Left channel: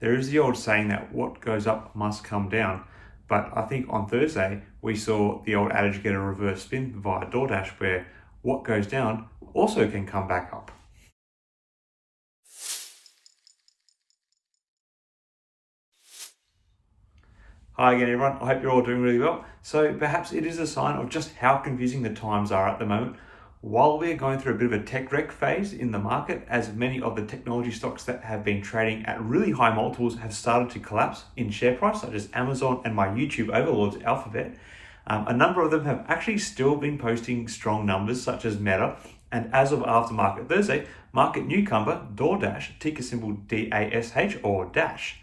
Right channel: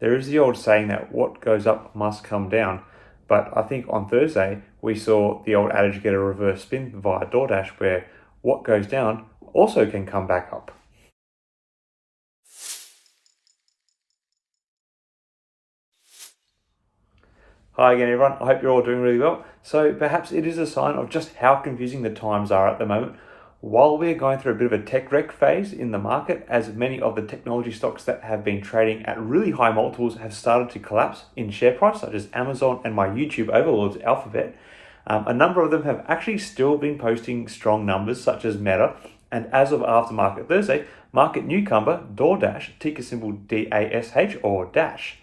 There is the old saying that what goes up must come down, but I think on Thursday we saw the old adage get a reverse spin via DoorDash, where what goes down also can come back up. Hi again everyone, I hope you're all doing really well. So perhaps it is a sign of just how confusing the times are at the moment. While we're going through a bit of a tech wreck phase in the market, as many of the technology stocks that have been trading at really high multiples have started to collapse in share price, such as Amazon and my YouTube overlords, Alphabet, a number of them have actually still been posting strong numbers, such as Meta. And as of aftermarket Thursday, market newcomer DoorDash, ticker symbol DASH or Dash.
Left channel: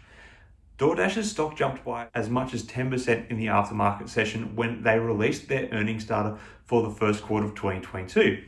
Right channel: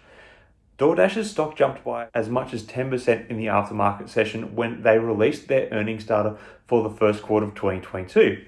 DoorDash's stock jumped by as much as 10% in the aftermarket session when they released their earnings data for the first quarter of 2022.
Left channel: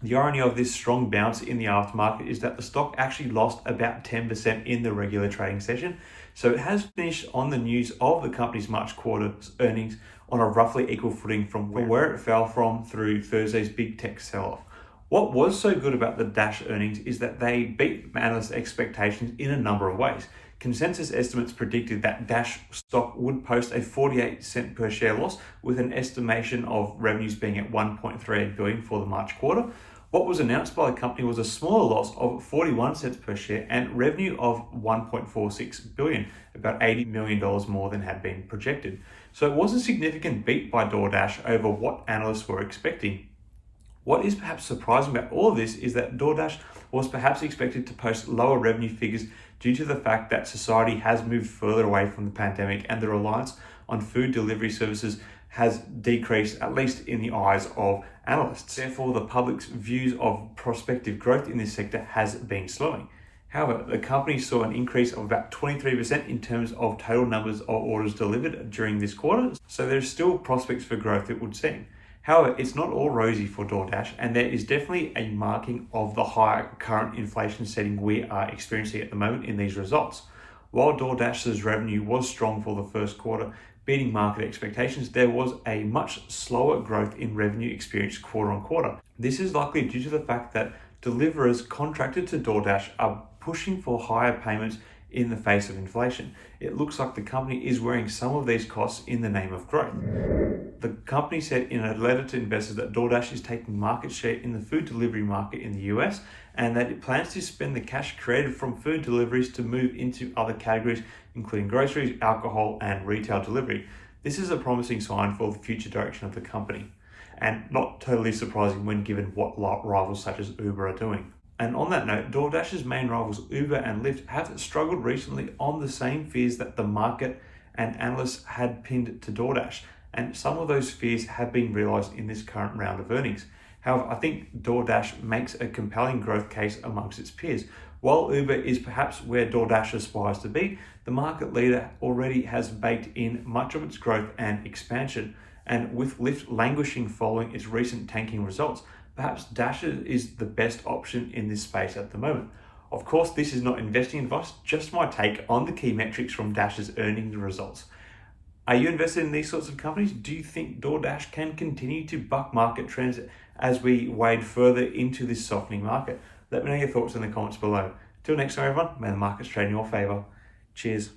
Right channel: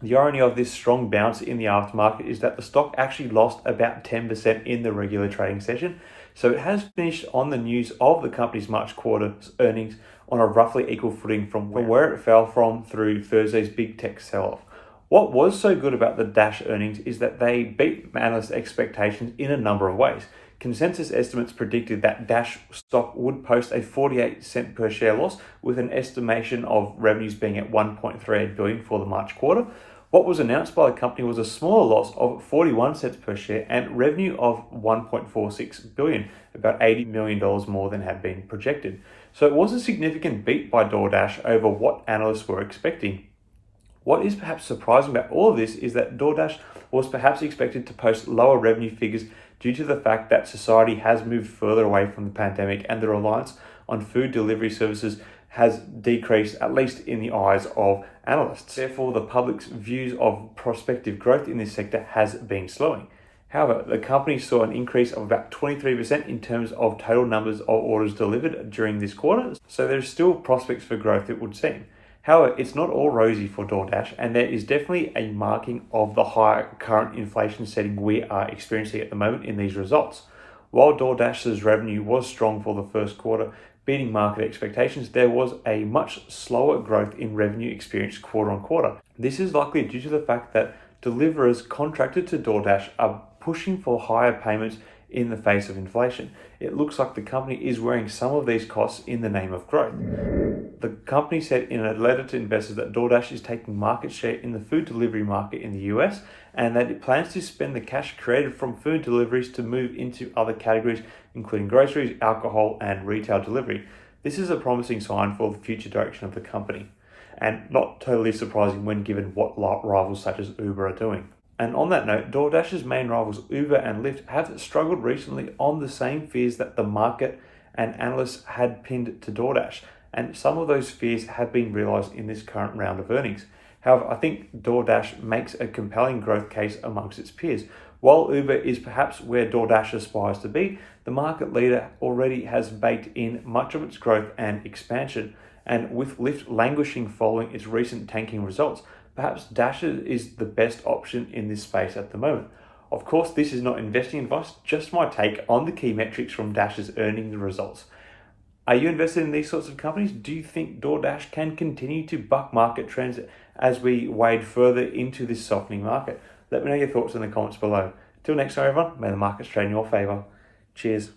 The irony of this strong bounce in the aftermarket is that the stock actually lost about 10% in the regular trading session, so it has finished on the news of the company's March quarter's earnings on a roughly equal footing from where it fell from through Thursday's big tech sell-off. What was so good about the Dash earnings is that they beat analyst expectations in a number of ways. Consensus estimates predicted that Dash stock would post a 48-cent per share loss, with an estimation of revenues being at 1.38 billion for the March quarter. What was announced by the company was a smaller loss of 41 cents per share and revenue of 1.46 billion, about $80 million more than had been projected. So it was a significant beat by DoorDash over what analysts were expecting. What is perhaps surprising about all of this is that DoorDash was perhaps expected to post lower revenue figures due to the fact that society has moved further away from the pandemic and the reliance on food delivery services has decreased, at least in the eyes of analysts. Therefore, the public's views of prospective growth in this sector has been slowing. However, the company saw an increase of about 23% in terms of total numbers of orders delivered during this quarter, so there's still prospects for growth, it would seem. However, it's not all rosy for DoorDash, and there is definitely a marking of the high current inflation setting we are experiencing at the moment in these results. While DoorDash's revenue was strong for the first quarter, beating market expectations, there was a much slower growth in revenue experienced quarter on quarter. This is likely due to the fact that deliverers contracted to DoorDash are pushing for higher payments in the face of inflation. It looks like the company is wearing some of these costs in the name of growth. The company said in a letter to investors that DoorDash is taking market share in the food delivery market in the US, and that it plans to spend the cash created from food deliveries to move into other categories, including groceries, alcohol, and retail delivery. This is a promising sign for the future direction of the company, and not totally surprising when given what rivals such as Uber are doing. And on that note, DoorDash's main rivals Uber and Lyft have struggled recently on the same fears that the market and analysts had pinned to DoorDash, and some of those fears have been realized in this current round of earnings. However, I think DoorDash makes a compelling growth case amongst its peers. While Uber is perhaps where DoorDash aspires to be, the market leader already has baked in much of its growth and expansion, and with Lyft languishing following its recent tanking results, perhaps Dash is the best option in this space at the moment. Of course, this is not investing advice, just my take on the key metrics from Dash's earnings results. Are you invested in these sorts of companies? Do you think DoorDash can continue to buck market trends as we wade further into this softening market? Let me know your thoughts in the comments below. Till next time, everyone, may the markets trade in your favor. Cheers.